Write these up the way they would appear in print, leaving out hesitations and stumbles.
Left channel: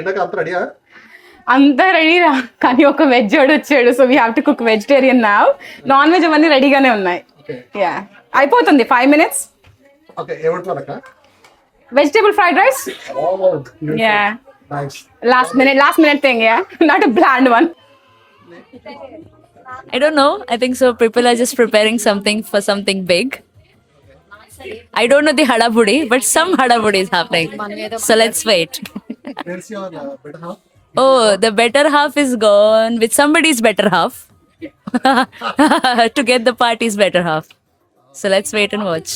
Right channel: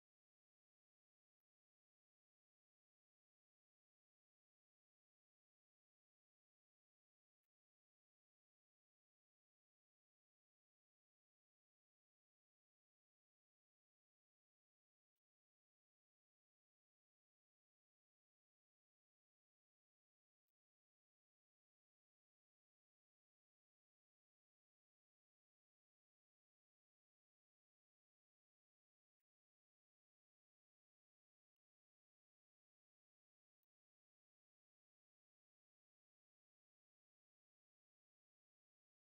ఏంటక్క అంత రెడీయా? అంతా రెడీరా, కానీ ఒక వెజ్ వాడు వచ్చాడు. So we have to cook vegetarian now. Non veg అవన్నీ రెడీగానే ఉన్నాయి. యా, అయిపోతుంది 5 minutes. ఓకే, ఏమంటున్నారక్క? Vegetable fried rice. Yeah, nice. last minute thing. Yeah, not a bland one. I don't know. I think so. People are just preparing something for something big. I don't know the hadabudi, but some hadabudi is happening. So let's wait. Where's your better half? Oh, the better half is gone with somebody's better half to get the party's better half. So let's wait and watch.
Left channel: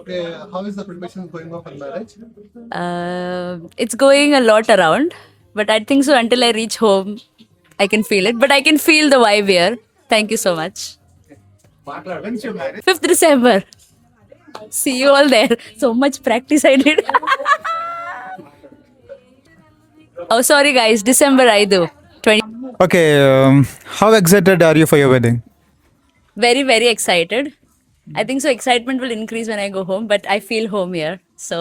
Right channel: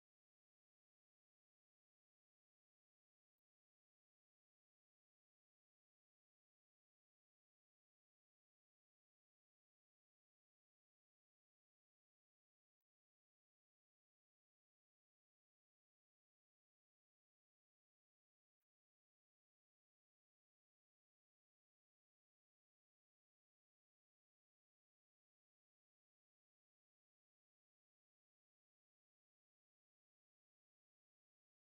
Okay, how is the preparation going on for marriage? It's going a lot around, but I think so until I reach home, I can feel it. But I can feel the vibe here. Thank you so much. When's your marriage? 5th December. See you all there. So much practice I did. Oh, sorry guys. December I do. 20. Okay, how excited are you for your wedding? Very, very excited. I think so excitement will increase when I go home, but I feel home here. So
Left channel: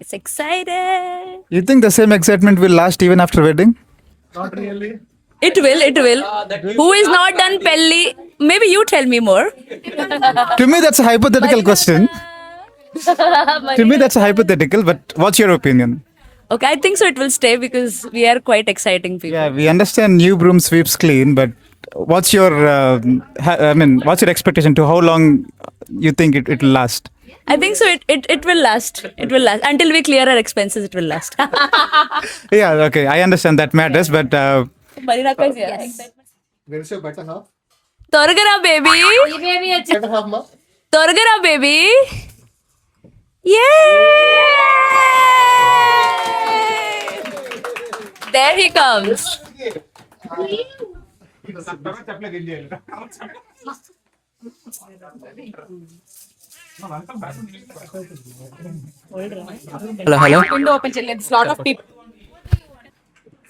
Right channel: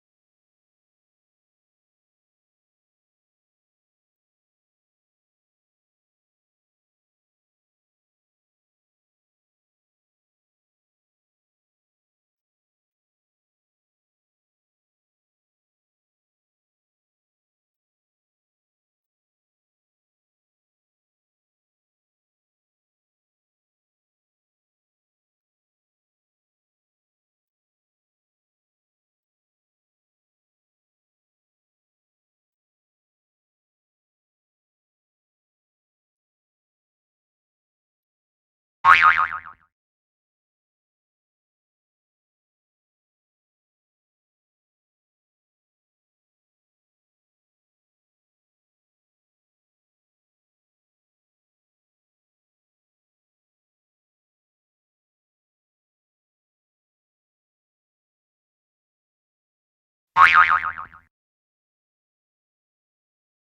it's excited. You think the same excitement will last even after wedding? Not really. It will, it will. Who is not done pelli? Maybe you tell me more. To me, that's a hypothetical question. To me, that's a hypothetical, but what's your opinion? Okay, I think so it will stay because we are quite exciting people. Yeah, we understand new broom sweeps clean, but what's your, what's your expectation to how long you think it will last? I think so it will last. It will last. Until we clear our expenses, it will last. Yeah, okay, I understand that matters, but Where's your better half? Torgara baby. Better half, ma? Torgara baby. Yay! There he comes. Window open చేయలేదు. Lot of people.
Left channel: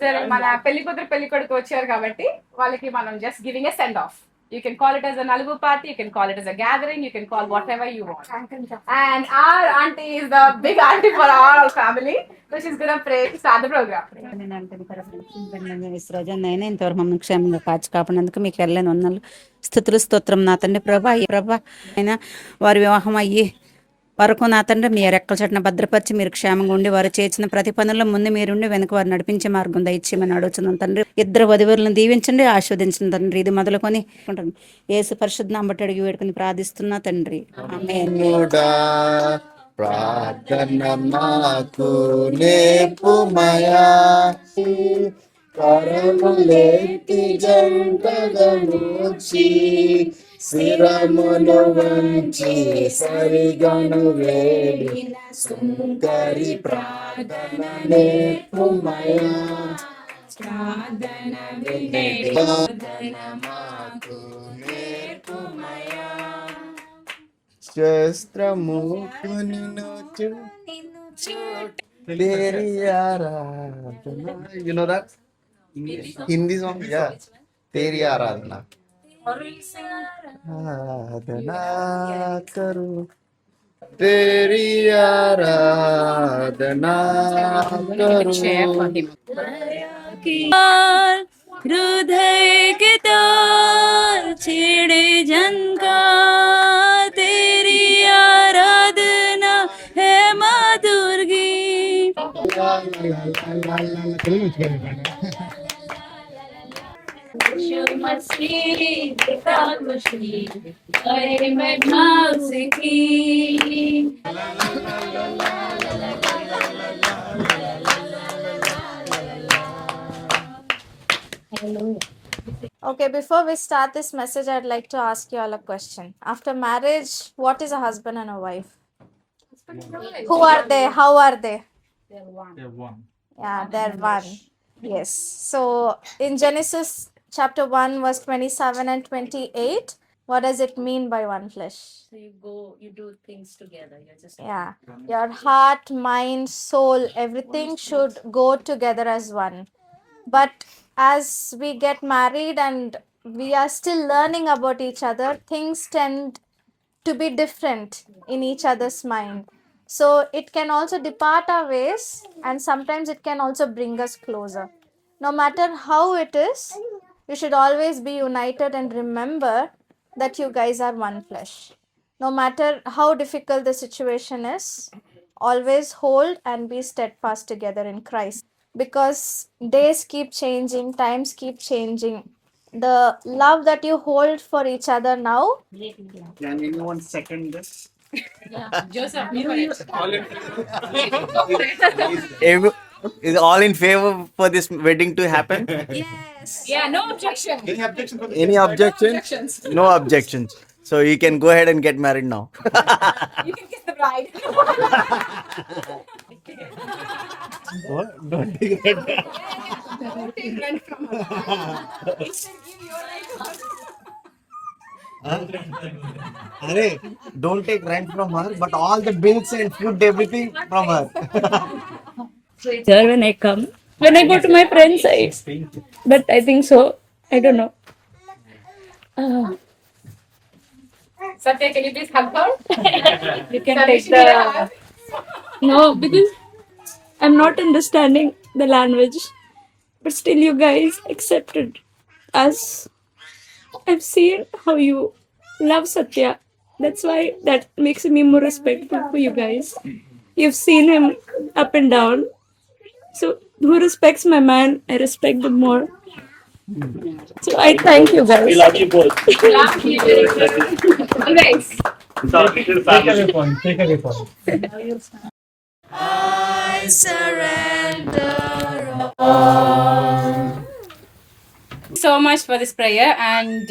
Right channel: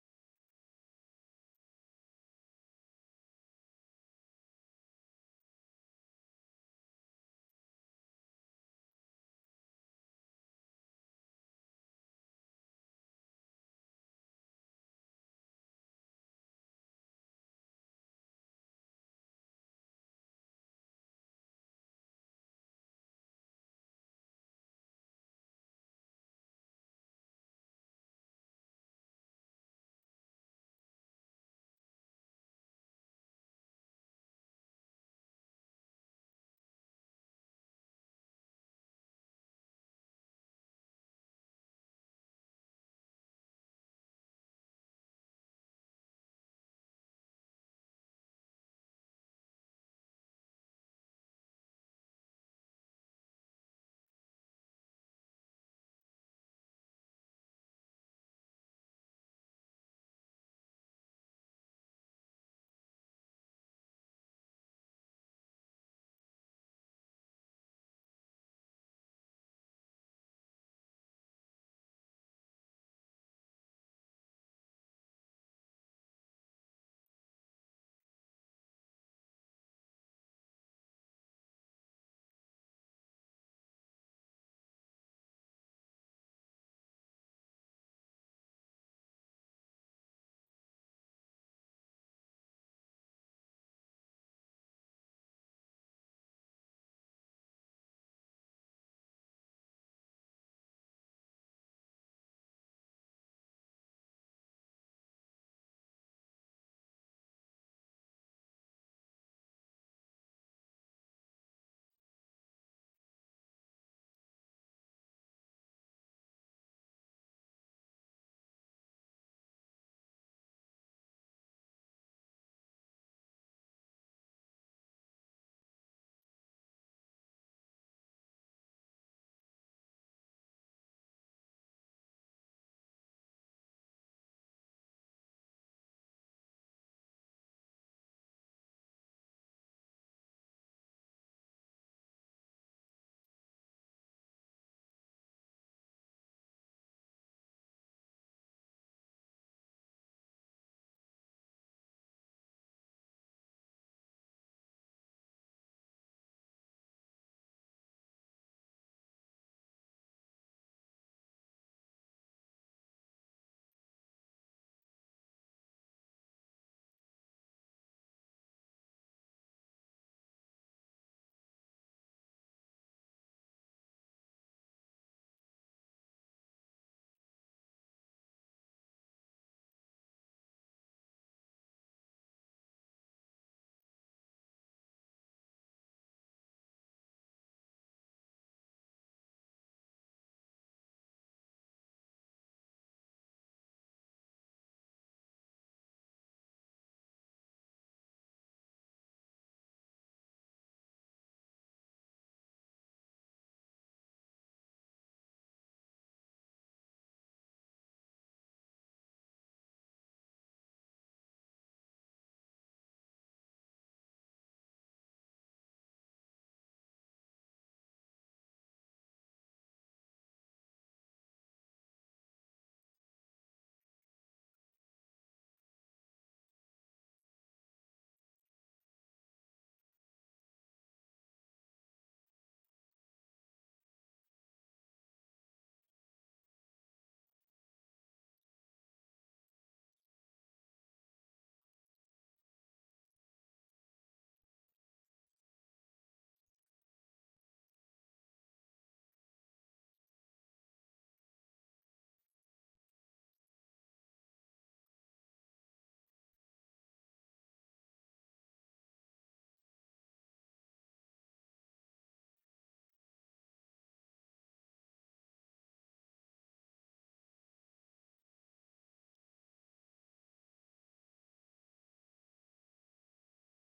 సరే, మన పెళ్లి కూతురు పెళ్లి కొడుకు వచ్చారు కాబట్టి వాళ్ళకి మనం just giving a send off. You can call it as a Nalgu party, you can call it as a gathering, you can call whatever you want. And our auntie is the big auntie for our family, so she's gonna pray to start the program. నేను ఇంతవరకు మమ్మల్ని క్షేమంగా కాచి కాపాడినందుకు మీకు వెళ్ళని వందలు స్తుతులు స్తోత్రం నా తండ్రి. ప్రభా అయినా వారి వివాహం అయ్యి వరకు నా తండ్రి మీ రెక్కల చట్టన భద్రపరిచి మీరు క్షేమంగా ఉండి వారు చేసిన ప్రతి పనుల్లో ముందు మీరుండి వెనుక వారు నడిపించే మార్గం దయచేయమని అడుగుతున్నాం తండ్రి. ఇద్దరు వధువులను దీవించండి, ఆస్వాదించండి తండ్రి. ఇది మొదలుకొని యేసు పరిశుద్ధ నామమున బట్టి అడిగి వేడుకొని ప్రార్థిస్తున్నా తండ్రి. ఆమేన్. ప్రార్థన మాకు నేర్పుమయా, కరములెత్తి జంటగా మూర్చి శిరమును వంచి సరిగను వేడి సుందరి ప్రార్థన నేర్పుమయా, ప్రార్థన మాకు నేర్పుమయా, శస్త్రముకుని you know that Hindi song? Yeah, तेरी आराधना आराधना करो, तेरी आराधना करो. हृदय के तार छेड़े जनका, तेरी आराधना है माधुर्गी. Okay, before we start this message, I'd like to ask you all a question. After marriage, what is a husband and a wife? Who are they? How are they? Yeah, they're one. Yes. So in Genesis chapter 1, verse 27 and 28, what does it mean by one flesh? So you do things together. You're just Yeah. Your heart, mind, soul, everything should go together as one. But as we get married and we are still learning about each other, things tend to be different in each other's mind. So it can also depart our ways, and sometimes it can also bring us closer. No matter how it is, you should always be united and remember that you guys are one flesh. No matter how difficult the situation is, always hold and be steadfast together in Christ, because days keep changing, times keep changing. The love that you hold for each other now, Can anyone second this? Joseph, Every- is all in favor for this wedding to happen? yeah, no objection. Any objections? No objections. So you can go ahead and get married now. You can kiss the bride. Don't take it. Don't take rent from her. You can give your right to her. Don't take rent from her, but all the bills and food, everything from her. Sir, when I come, when I go to my friend's side, but I think so. I don't know. Satya, can you please hug her? You can Satya, take she need a the. hug. No, because I'm not understanding the language, but still, you guys accepted us. I've seen how you love Satya. That's why that makes me more respectful for you guys. You've seen him up and down. So, who respects my man, I respect them more. So, I thank you guys. Love you. Always. So much for this prayer, and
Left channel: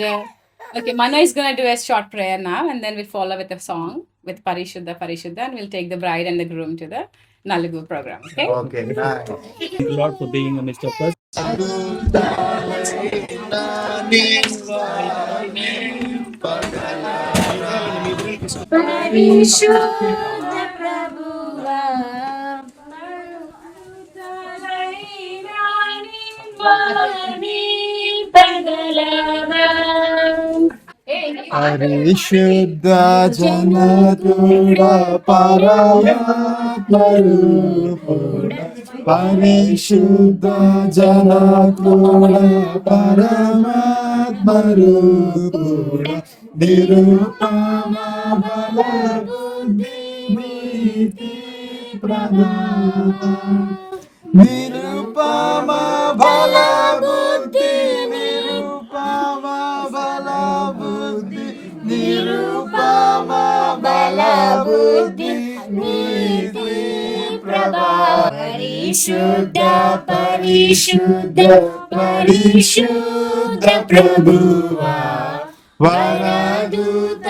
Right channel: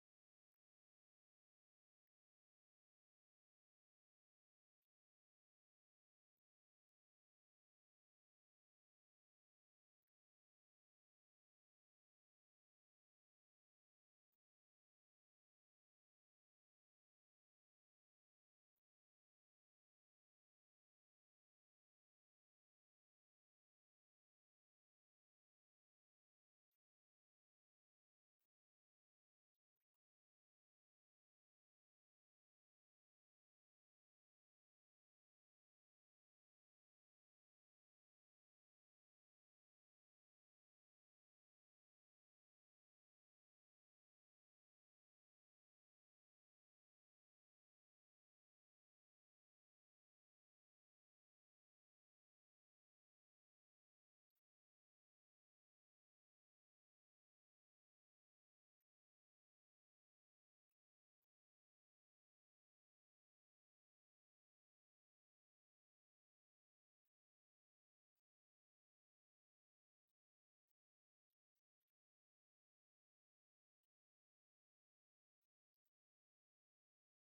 okay, Manu is gonna do a short prayer now, and then we'll follow with a song with Parishuddha Parishuddha, and we'll take the bride and the groom to the Nalugu program. Okay. Okay, nice. Thank you, Lord, for being in the midst of us. పరిశుద్ధ జనతుడ పరమాత్మ రూపుడ పరిశుద్ధ జనతుడ పరమాత్మ రూపుడ నిరుపమ బల బుద్ధి నీతి ప్రదాత నిరుపమ బల బుద్ధి నిరుపమ బల బుద్ధి నిరుపమ బల బుద్ధి నీతి ప్రదాత పరిశుద్ధ పరిశుద్ధ పరిశుద్ధ ప్రభువా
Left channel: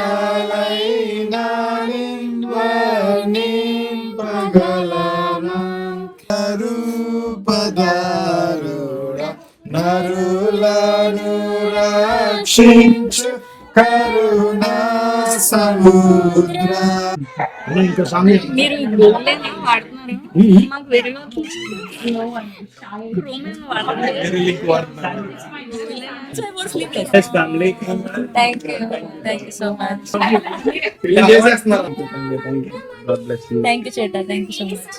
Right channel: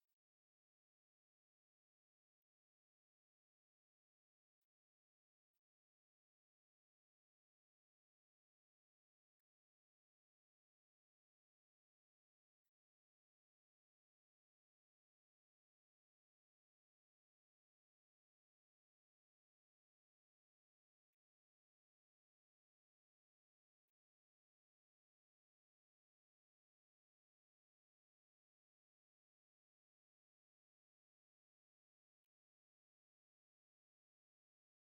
వరదూతలైన నిన్వర్ణింపగలనా రూపధారుడ నరులను రక్షించు కరుణా సముద్ర మీరు గోల్డెన్ వాడుతున్నారు మాకు వేరే thank you so much thank you చేట థ్యాంక్ యూ సో మచ్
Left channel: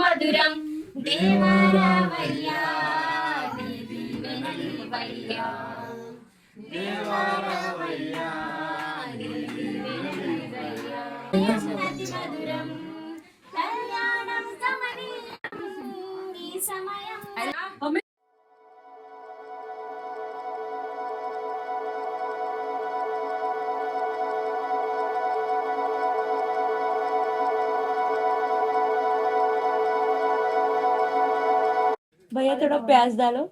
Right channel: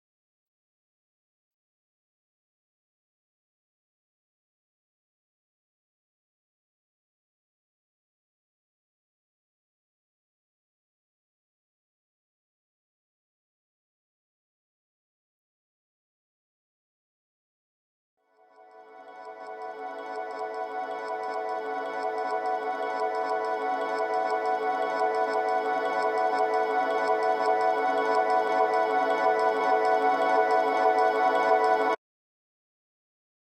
మధురం దేవరావయ్యా దేవీవయ్యా దేవరావయ్యా మధురం కళ్యాణం కమనీయం ఈ సమయం भैया थोड़ा प्याज डालो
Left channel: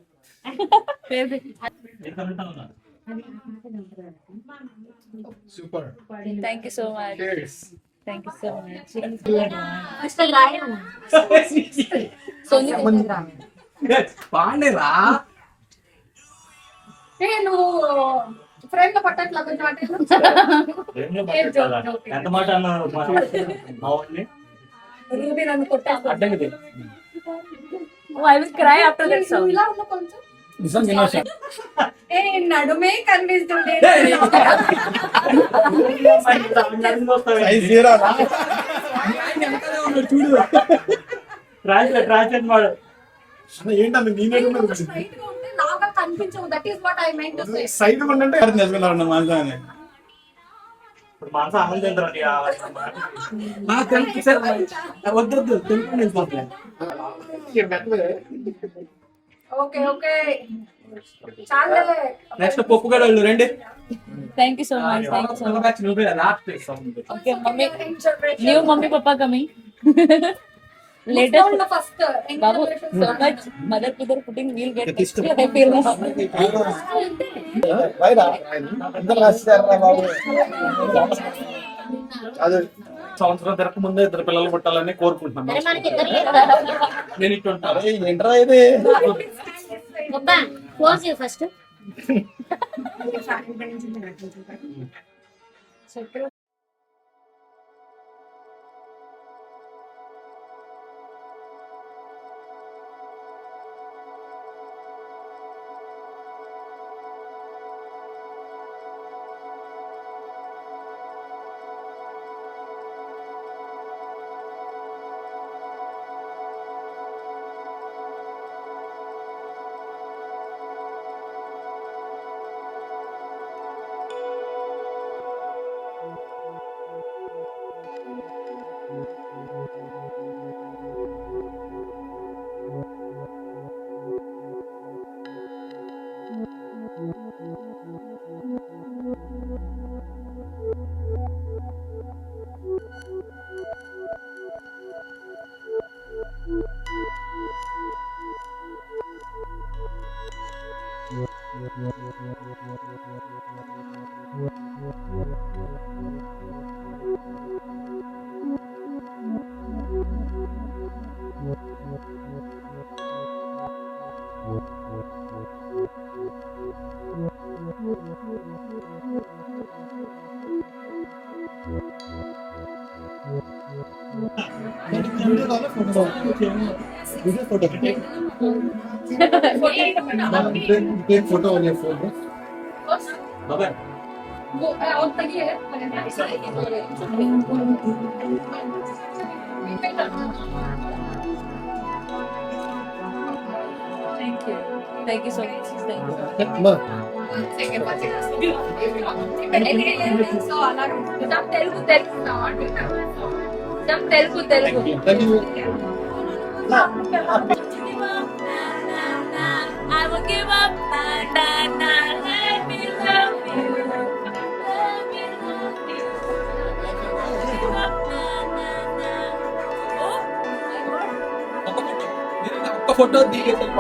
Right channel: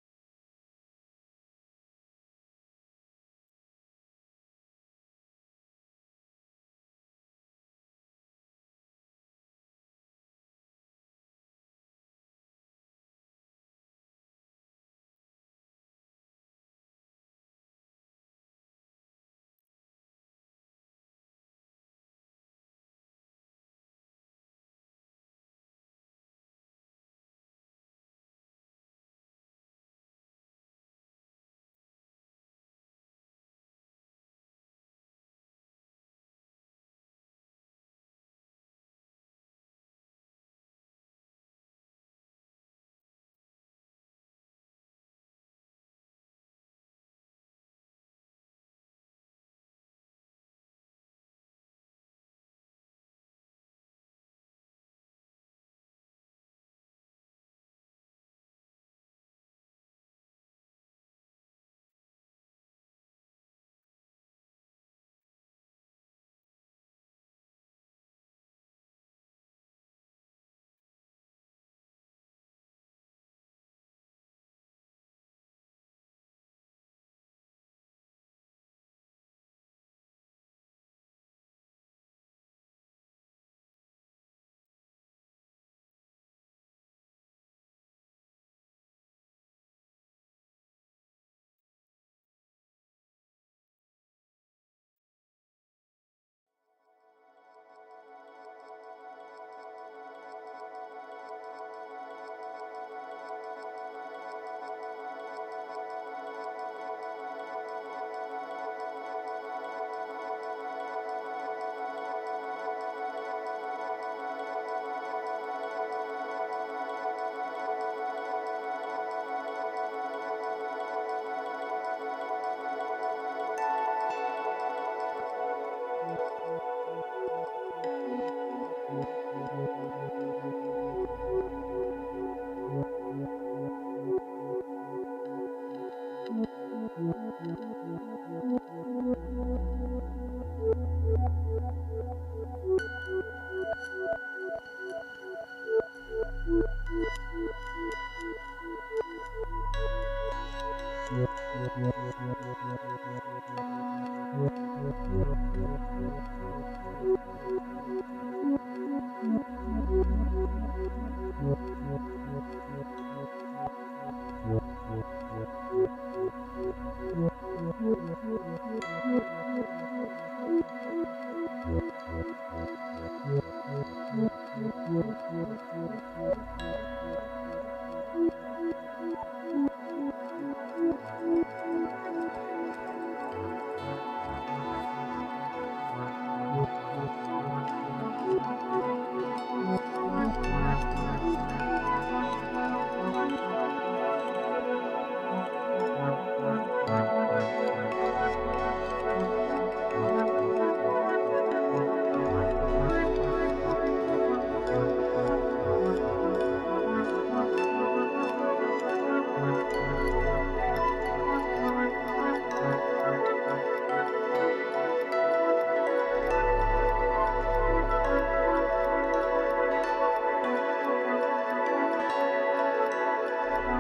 Super. Thank you so much Cheers. Thank you so much నేను ఫ్రేమ్ లో పట్టట్లా కొంచెం ఎంత మాట అన్నారు రూబీ నన్ను కొట్టాను అడ్డంకి I will cry after that song. ఇలా ఉన్న కొంచెం నిజం వినాశం ఏ నడుమే కనిపిస్తుంటే Size zero. ట్రాన్స్లేట్ మాడు. ఏంటన్నా నేనే లాగా కనిపించవు. That is what I meant to say. Side ఉండంటే మనసాన్ని ఇప్పుడు మనసు అమలు చెందరండి. వద్దు తెలుగు నేను పోతాను. ఓకే ఓకే చాలే. నెక్స్ట్ పప్పు కూడా వాళ్ళు రండి. Thank you so much. Thank you so much. నువ్వే last Okay, mummy. New mummy papa coming. Later. First Babu, so much mother to their putting we'll get next year. I feel now. అదే సంవత్సరం తిరగక ముందే ఇద్దరు పిల్లలు పుట్టాలని కోరుకుంటున్నాను. నేను ఇటు ఉంటాను. ఏంట్రా ఇది? First Take photo on your phone. బాబాయ్ Thank you so much. Thank you. అమ్మా, తెలుగు Telugu thank you. I will give up. Na, na, na, let me love you. Let me love you. Give up. Na, na, na. Oh. ఒక్క ఫోటో దిగేసి చెప్పి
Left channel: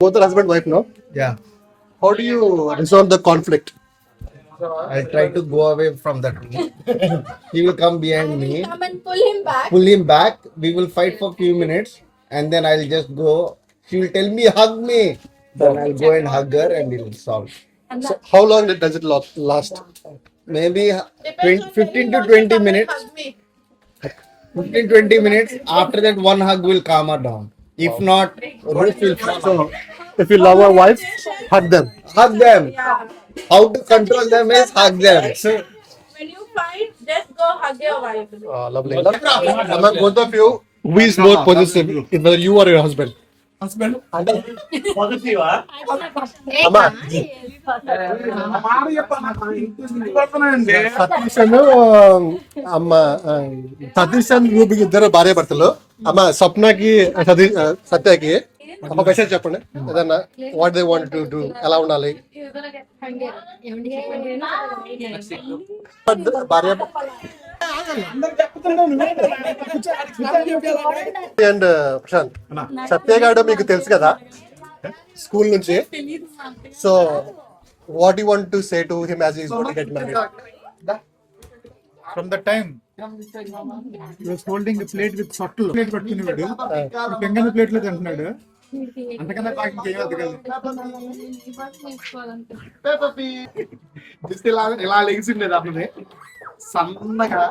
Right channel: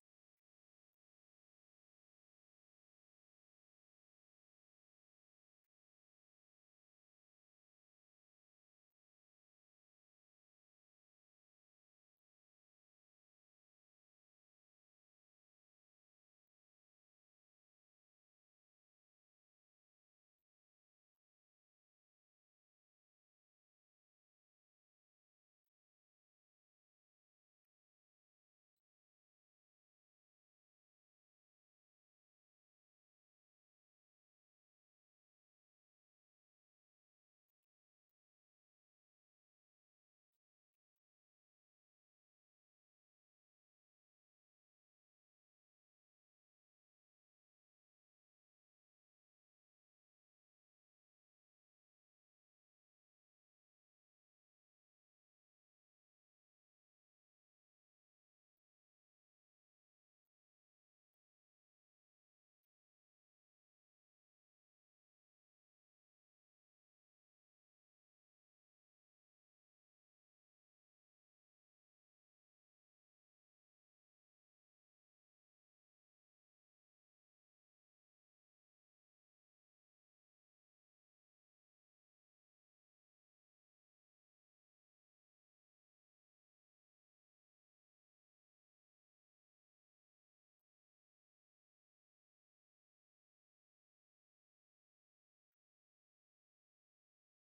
Both are husband wife now. Yeah. How do you resolve the conflict? I'll try to go away from that room. He will come behind me, Come and pull him back. pull him back. We will fight for few minutes, and then I'll just go. She will tell me, hug me. Then I'll go and hug her, and it will solve. So how long does it last? Maybe Depends on 15 when to he 20 wants to come and minutes. hug me. 15-20 minutes. After that, one hug will calm her down. If not, roof will fall. So if you love your wife, hug them. Hug them. How to control them is hug them. When you fight, just go hug your wife. Lovely. Among both of you, who is more possessive, whether you or your husband? Husband పాజిటివా అమ్మా సతీష్ అమ్మ సతీష్ అండ్ రూబీకి ఇద్దరు భార్య భర్తలు. అమ్మ స్వప్నకి సత్యకి ఒక మెసేజ్ చెప్పండి ఏదన్నా. What they want to do, ఎలా ఉండాలి భార్య అండ్ ప్రశాంత్. సత్య గారు మీకు తెలుసు కదా స్కూల్ నుంచి. So what you want to say to him as he is going to get married? From the time he was holding a plate with sotlu plate పట్టుకునేవాడు, పెంగన ప్లేట్ లో తింటున్నాడు. అంతకన్నా నాకు ఇంకేం అర్థం కాదు. ఇలా లెగిసిండేది అతనే సన్నగా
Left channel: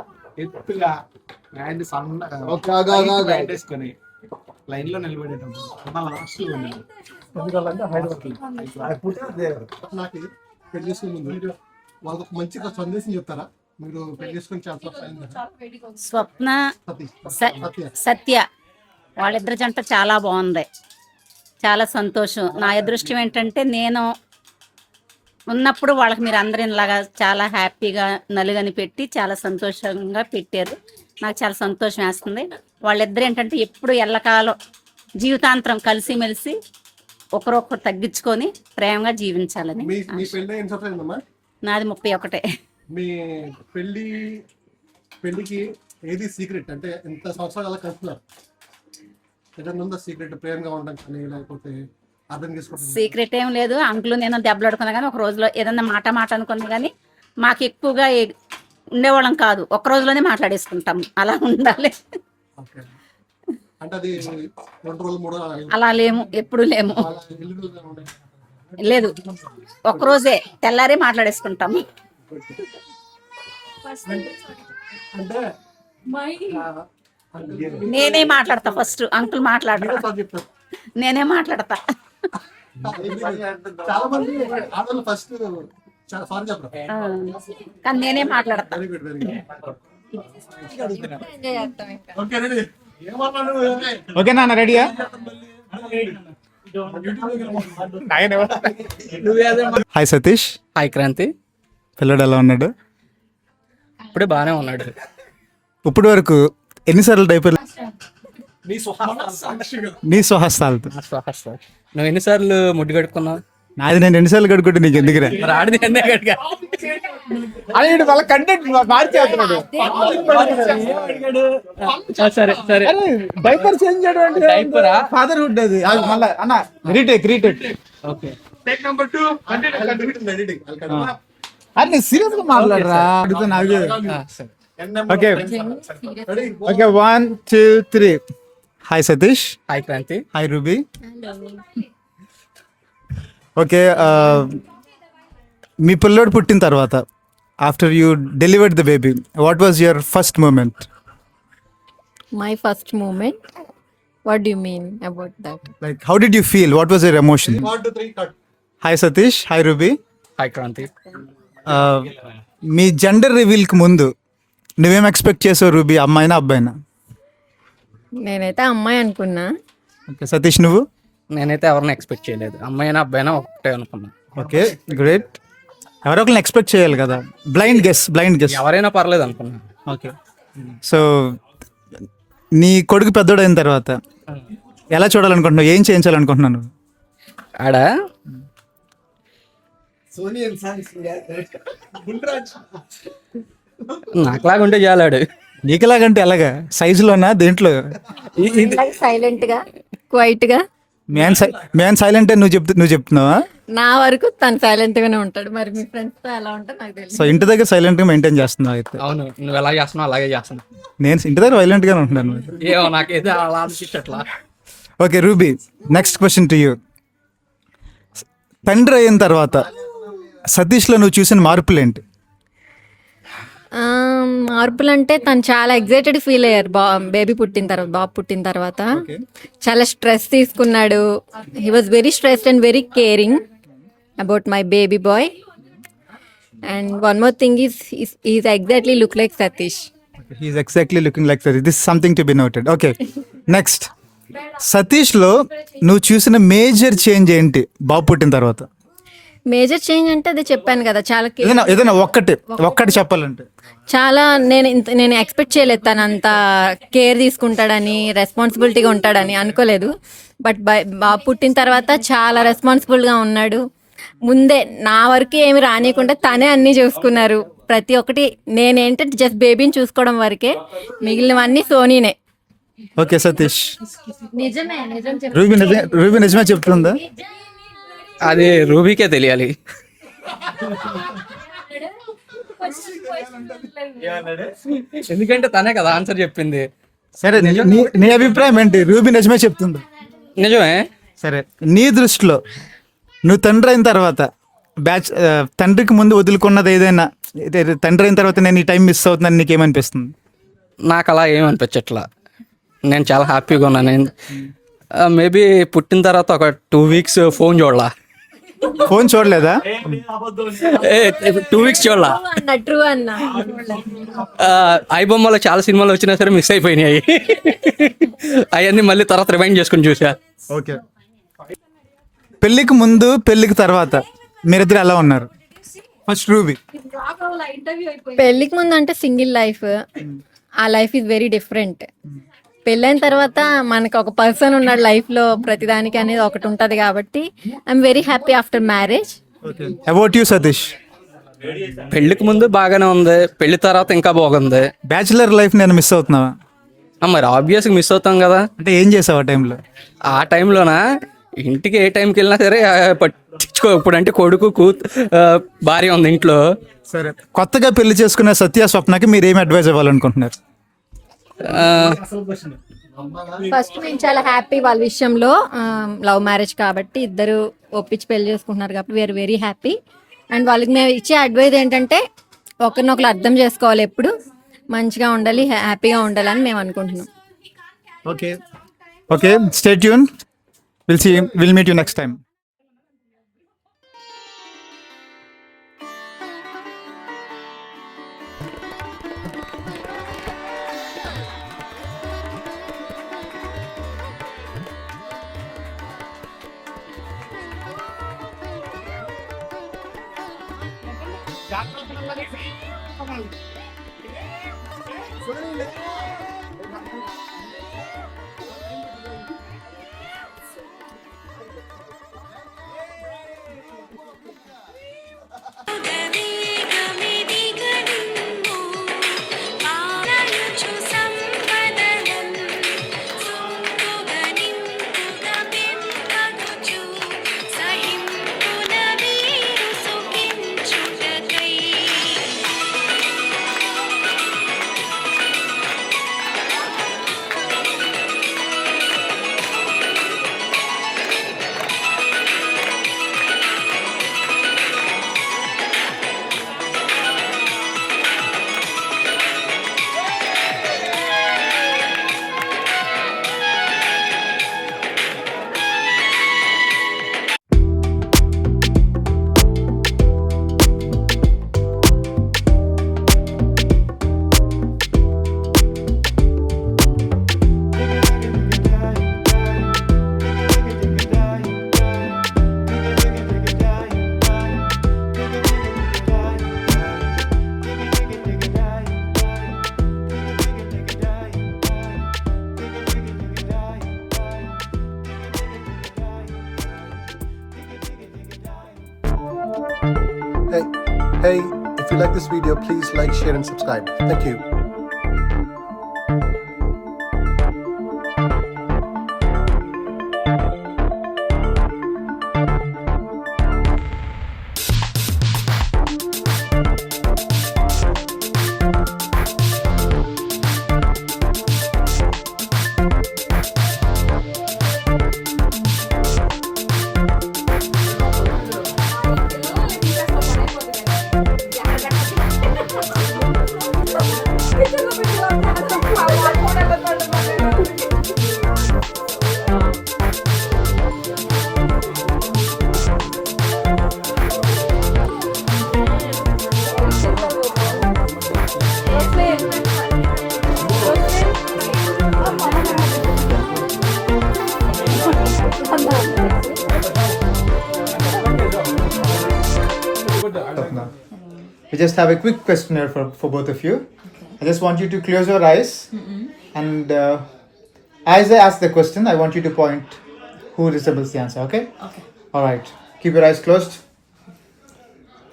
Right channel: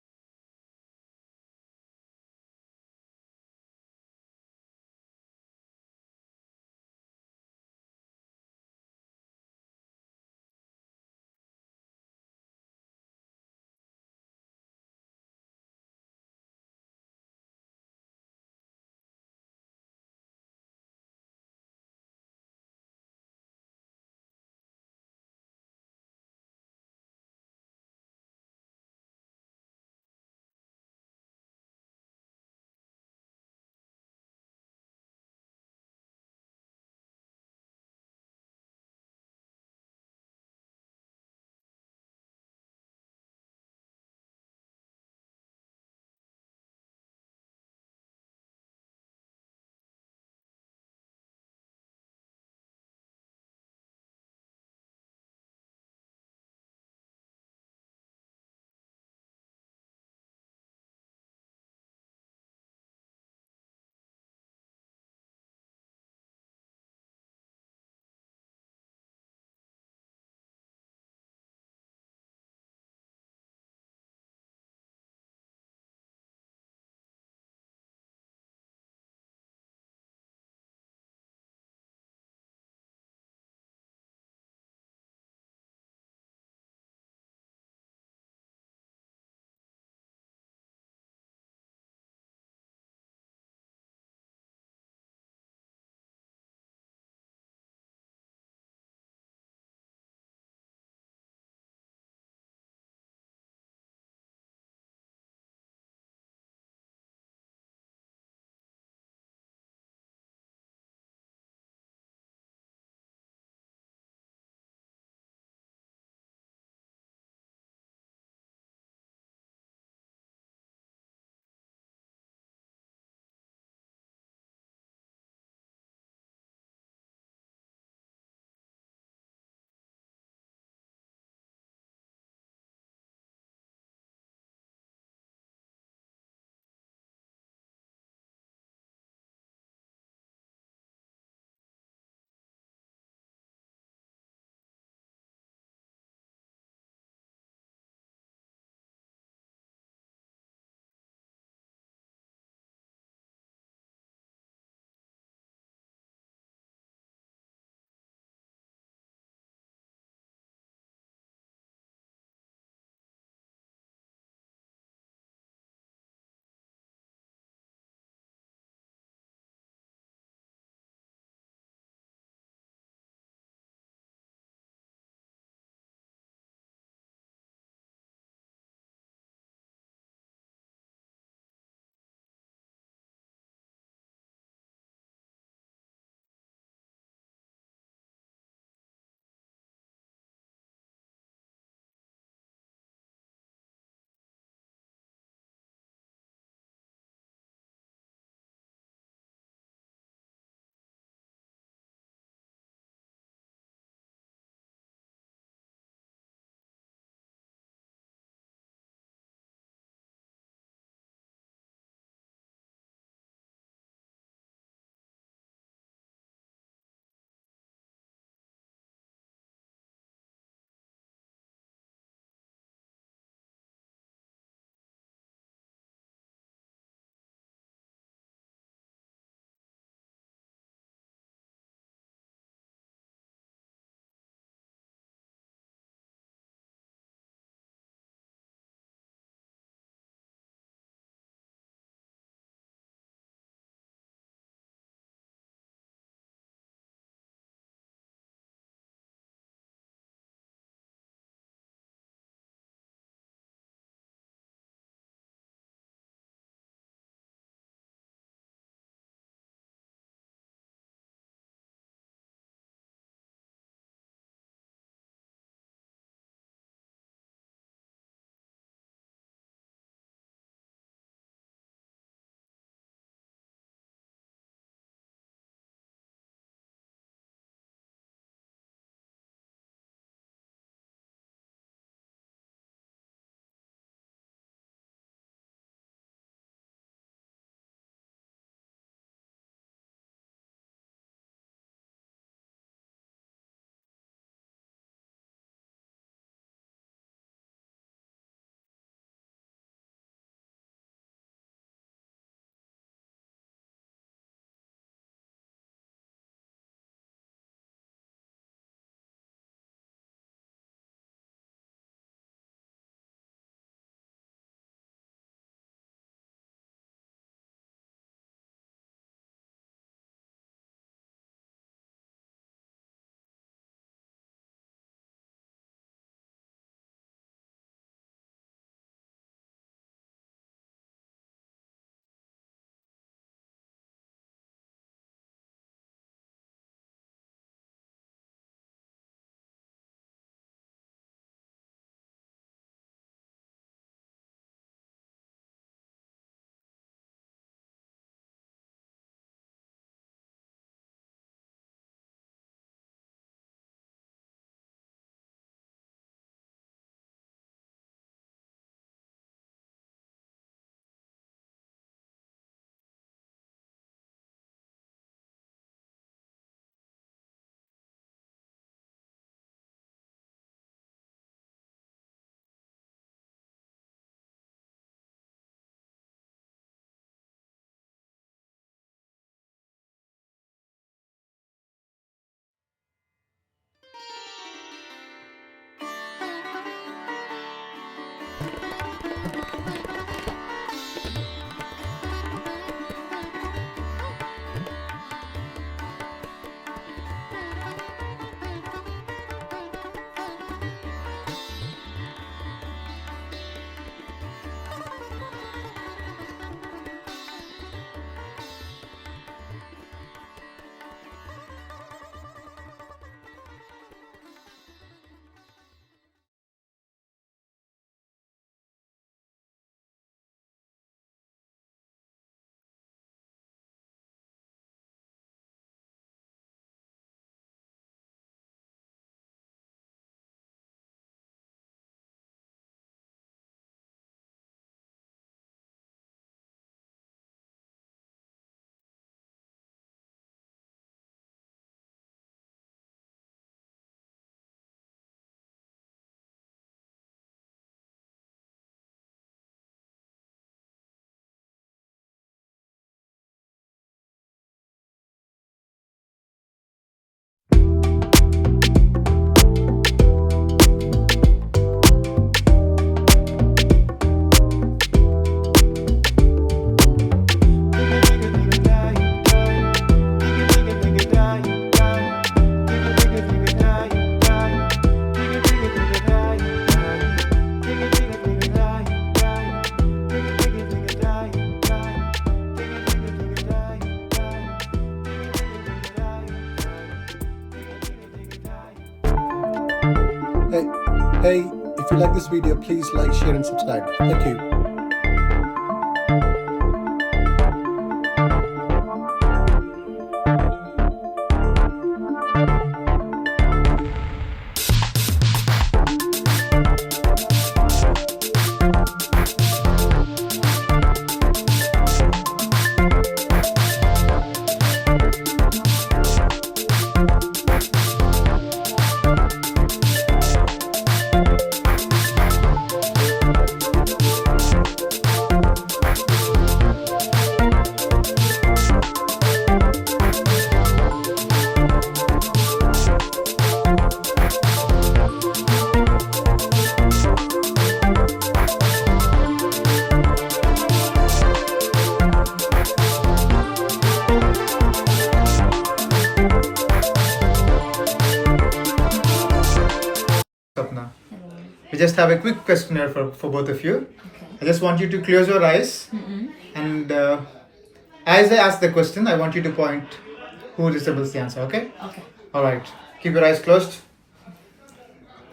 ఎత్తుగా హ్యాండ్ సన్నగా హ్యాండ్ వేసుకొని లైన్ లో నిలబడేటప్పుడు లాస్ట్ లో ఉన్నాడు. నాకు పెళ్లి చేసుకునే ముందు వాళ్ళకి ఒక మంచిగా సందేశం చెప్తారా? మీరు పెళ్లి చేసుకుని చాలా స్వప్న సతీష్ సత్య వాళ్ళిద్దరి జంట చాలా బాగుంది, చాలా సంతోషం. నా అదృష్టం ఏంటంటే నేను ఉన్నప్పుడు వాళ్ళకి మీరు అందరూ ఇలాగా చాలా హ్యాపీగా నలుగని పెట్టి చాలా సంతోషంగా పెట్టారు. నాకు చాలా సంతోషం వేస్తుంది. వాళ్ళిద్దరు ఏంటంటే ఎప్పుడు ఎల్లకాలం జీవితాంతరం కలిసిమెలిసి ఒకరొకరు తగ్గించుకొని ప్రేమగా జీవించాలని. మీ పెళ్లి ఎన్ని సంవత్సరాలు అయిందమ్మా? నాది 31. మీ పెళ్లికి ఏది సీక్రెట్? అంటే ఎంత సంవత్సరాలు అలా కలుపుతున్నారు? ఏదైనా ఉందా సీక్రెట్? ప్రేమగా ఉండడం కానీ లేకపోతే అర్థం చేసుకోవడం? సీక్రెట్ ఏం లేదు. అంకులు నేను దెబ్బలాడుకున్నా కానీ ఒక రోజులో ఏదన్నా మాట అనుకున్నా కానీ మాకు ఎక్కువగా ఉండేవాళ్ళం కాదు, ఒక రోజులోనే మాట్లాడేసుకుంటాం. అలా ఉండాలి. ఓకే. అంటే అది 2 రోజులు 3 రోజులు అలా లేము, ఎప్పుడు లేము. అలా ఎన్ని రోజులు ఉండే? లేదు, ఒక్కరోజే తెల్లారే మాట్లాడేసుకుంటాము. అంటే నేనే మాట్లాడతా ఫస్ట్, అంకుల్ మాట్లాడరా. చెప్తారు నేనే మాట్లాడతా. చాలా మంది ఆడవాళ్ళు ఫస్ట్ సారీ చెప్పరు. కానీ నేనే మాట్లాడతా. Very good, very good. Enjoy చేస్తాం ఇంకా. Okay ready? ఏమన్నాను? ఓకే నాన్న, రెడీయా? హాయ్ సతీష్. హాయ్ క్రాంతి. పిల్లడు ఎలా ఉన్నాడు? ఇప్పుడే బాగానే ఉన్నాడు. ఇప్పుడు వరకు ఎన్నిసార్లు డైపర్ నీ స్వహస్తాలు. నీ స్వహస్తాలతో? నువ్వు ఎన్నిసార్లు ముడ్డు కడుక్కున్నావు? నాది నేను ఎన్నిసార్లు కడుక్కుంటే నీకు ఎందుకురా? మరి ఆడిది ఎన్నే కడుగా. అదే వాళ్ళ కంటెంట్ మార్చేస్తున్నాడు. సరే సరే. డైపర్ చేంజ్ చేయడం అంటే డైపరా? ఫాదర్హుడ్ అది. మళ్ళీ అన్న retake. Okay. Take number 2 continue editing. అరే సీరియస్ గా మాట్లాడరా. అడుగుతున్నా. Okay okay 1 2 3. Hi Satish. Hi Kranti. Hi Ruby. Okay, మీ పిల్లోడు పుట్టిన తర్వాత after you delivered the baby, what was your first moment? My first moment? What do you mean about that? Like how did you feel? What was your emotion? 1 2 3 cut. Hi Satish. Hi Ruby. Hi Kranti. మీ జెండర్ రివీల్కి ముందు నువ్వేం ఎక్స్పెక్ట్ చేసావు రూబీ, అమ్మాయినా అబ్బాయినా? నేనైతే అమ్మాయి అనుకున్నా. ఓకే సతీష్, నువ్వు? నేనైతే ఎవరిని ఎక్స్పెక్ట్ చేయలేదు, అమ్మాయినా అబ్బాయినా ఒకటే అనుకున్నా. Okay great. ఎవరో ఒకరిని ఎక్స్పెక్ట్ చేయాలి కదా. Blind guess. ఎవరైనా పర్లేదు అనుకున్నా. ఓకే, సో నీ కొడుకు పెద్దోడైన తర్వాత ఎలా చూడాలనుకుంటున్నావు? ఏం చేయించాలనుకుంటున్నాను? ఆడ నాకులాగా ఉంటే చాలాడు. నీకులాగంటే ఎలాగా? సైజులోనా? దేంట్లో? సైలెంట్ గా, క్వైట్ గా. మ్యాన్ సైలెంట్ అని నువ్వు చెప్తున్నావా? నా వరకు తను సైలెంట్ గానే ఉంటాడు. మరి మీ ఫ్రెండ్స్ తో ఎలా ఉంటారు నాకు తెలియదు. సో ఇంటి దగ్గర సైలెంట్గా మెయింటైన్ చేస్తున్నావు అయితే. అవును, నువ్వు ఎలా చేస్తున్నావు అలాగే చేస్తున్నా. నేను ఇంటి దగ్గర వైలెంట్గానే ఉంటున్నాను. ఏమో నాకైతే అలా అనిపించట్లా. Okay Ruby, next question to you. తండ్రి అయిన తర్వాత సతీష్లో నువ్వు చూసిన మార్పులు ఏంటి? మార్పులు అంటే తను చాలా ఎగ్జైటెడ్ ఫీల్ అయ్యారు బేబీ పుట్టిన తర్వాత, బాబు పుట్టిన తర్వాత. చాలా స్ట్రెస్ తీసుకున్నాడు. He was very stressed and very caring about my baby boy. And one more thing is exactly look like Satish. He is exactly looking like Satish. This something to be noted. Okay next, సతీష్లో నువ్వు చూసిన major change ఏంటి బాబు పుట్టిన తర్వాత? Major change అంటే అదే చెప్పాను కదా, చాలా ఏదైనా ఒక్కటి చెప్పాలంటే. చాలా నేను ఎక్స్పెక్ట్ చేయలేదు తను అంత కేర్ తీసుకుంటాడని, రెస్పాన్సిబిలిటీగా ఉంటాడని అనుకోలేదు. బట్ బాబు పుట్టిన తర్వాత చాలా రెస్పాన్సిబుల్గా ఉన్నాడు. ముందే నా వరకు ఏమి రానియకుండా తనే అన్నీ చూసుకున్నారు. ప్రతి ఒక్కటి నేనేంటంటే జస్ట్ బేబీని చూసుకోవడం వరకే, మిగిలినవన్నీ సోనీనే. ఓకే సతీష్, నిజమే నిజం రూబీ నిజమే చెప్తుందా? అది రూబీకే తెలియాలి. ఎందుకంటే తనే కదా ఆన్సర్ చెప్పింది. సరే నీ అభిప్రాయం ఏంటి? రూబీ నిజమే చెప్తుందా? నిజమే. సరే నీ దృష్టిలో నువ్వు తండ్రి అయిన తర్వాత తండ్రికి ముందు వదులుకున్నది ఏదైనా, తండ్రి అయిన తర్వాత నేను ఈ టైం మిస్ అవుతున్నాను నీకేమనిపిస్తుంది? నాకు అలా ఏమనిపించట్లా. నేను చాలా హ్యాపీగా ఉన్నాను. మేబీ పుట్టిన తర్వాత ఒక 2 weeks ఫోన్ చూడలా. ఫోన్ చూడలేదా? 2 weeks చూడలా. ట్రూ అన్న. ఐ బొమ్మలో చాలా సినిమాలు వచ్చినా సరే మిస్ అయిపోయినాయి. అవన్నీ మళ్ళీ తర్వాత రిమైండ్ చేసుకుని చూసా. ఓకే, పెళ్ళికి ముందు పెళ్ళికి తర్వాత మీరిద్దరు ఎలా ఉన్నారు? First ruby. పెళ్ళికి ముందు అంటే సింగిల్ లైఫ్, ఆ లైఫ్ ఈజ్ వెరీ డిఫరెంట్. పెళ్ళైన తర్వాత మనకు ఒక పర్సన్ ఉన్నాడు లైఫ్లో, ప్రతిదానికి అనేది ఒకటి ఉంటుంది. కాబట్టి I'm very happy after marriage. About you Satish? పెళ్ళికి ముందు బాగానే ఉంది, పెళ్లి తర్వాత ఇంకా బాగుంది. బ్యాచులర్ లైఫ్ నేను మిస్ అవుతున్నావా? మరి ఆబ్వియస్గా మిస్ అవుతాం కదా. అంటే ఏం చేసావు ఆ టైంలో? ఆ టైంలోనా, ఇంటికి ఏ టైంకి వెళ్ళినా సరే పట్టించుకో. ఇప్పుడు అంటే కొడుకు భార్య ఉంది ఇంట్లో. సరే, కొత్తగా పెళ్లి చేసుకున్న సత్య స్వప్నకి మీరు ఏమి అడ్వైజ్ ఇవ్వాలనుకుంటున్నారు? ఫస్ట్ నేను చాలా హ్యాపీ వాళ్ళ విషయంలో. లవ్ మ్యారేజ్ కాబట్టి ఇద్దరు ఒప్పించి పెళ్లి చేసుకుంటున్నారు కాబట్టి వీఆర్ వెరీ హ్యాపీ. అండ్ వాళ్ళకి మేము ఇచ్చే అడ్వైజ్ ఏంటంటే ఒకరినొకరు అర్థం చేసుకోవాలి, ఎప్పుడు మంచిగా ఉండాలి, హ్యాపీగా ఉండాలని మేము అనుకుంటున్నాం. Okay stay tune. We'll meet you next time. Hey, if you like this video, please like, share and subscribe. Thank you. just have a quick questionnaire for both of you. I just want you to close your eyes, and as I ask the question, I want you to point who resembles the answer. Okay? Okay. All right. Keep your eyes closed.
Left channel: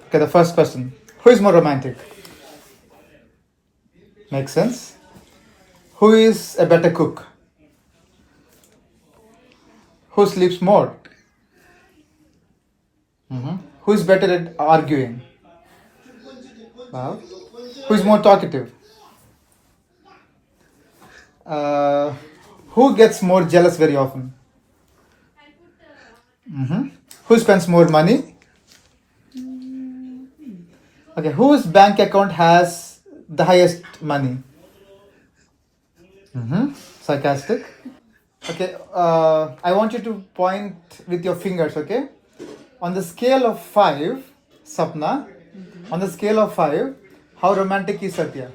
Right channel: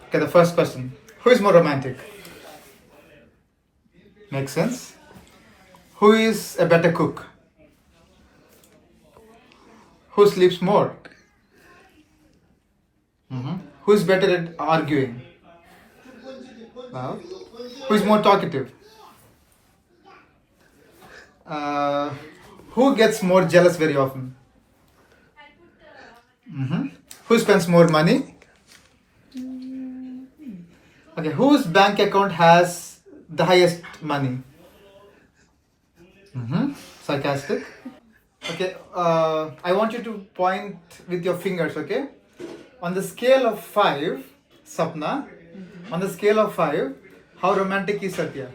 Okay, the first question. Who is more romantic? Makes sense. Who is a better cook? Who sleeps more? Who is better at arguing? Wow. Who is more talkative? Who gets more jealous very often? Who spends more money? Okay, whose bank account has the highest money? Sarcastic. Okay, I want you to point with your fingers, okay? On the scale of 5, Sapna, on the scale of 5, how romantic is Satya?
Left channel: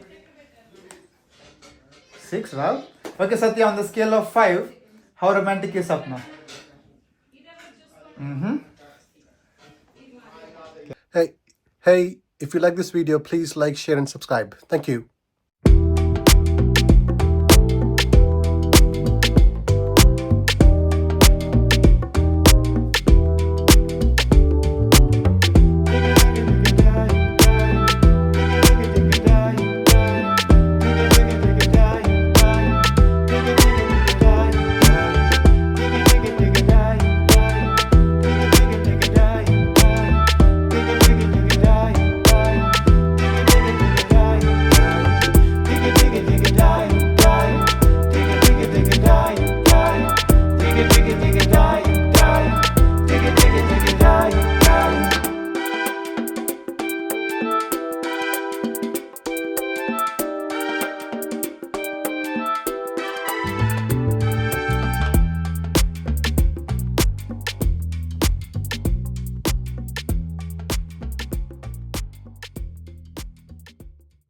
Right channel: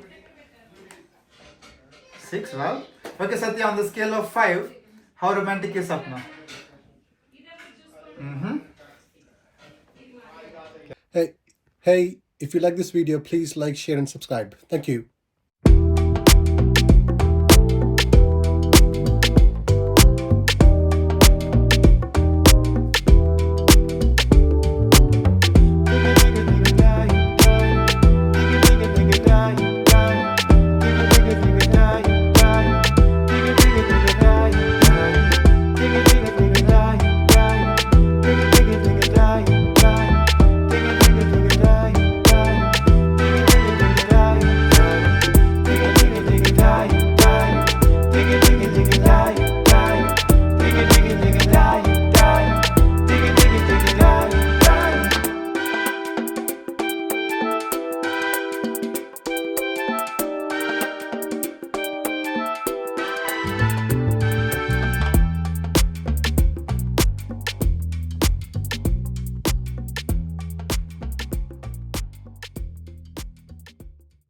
6, well. Okay, Satya, on the scale of 5, how romantic is Sapna? Hey, if you like this video, please like, share, and subscribe. Thank you.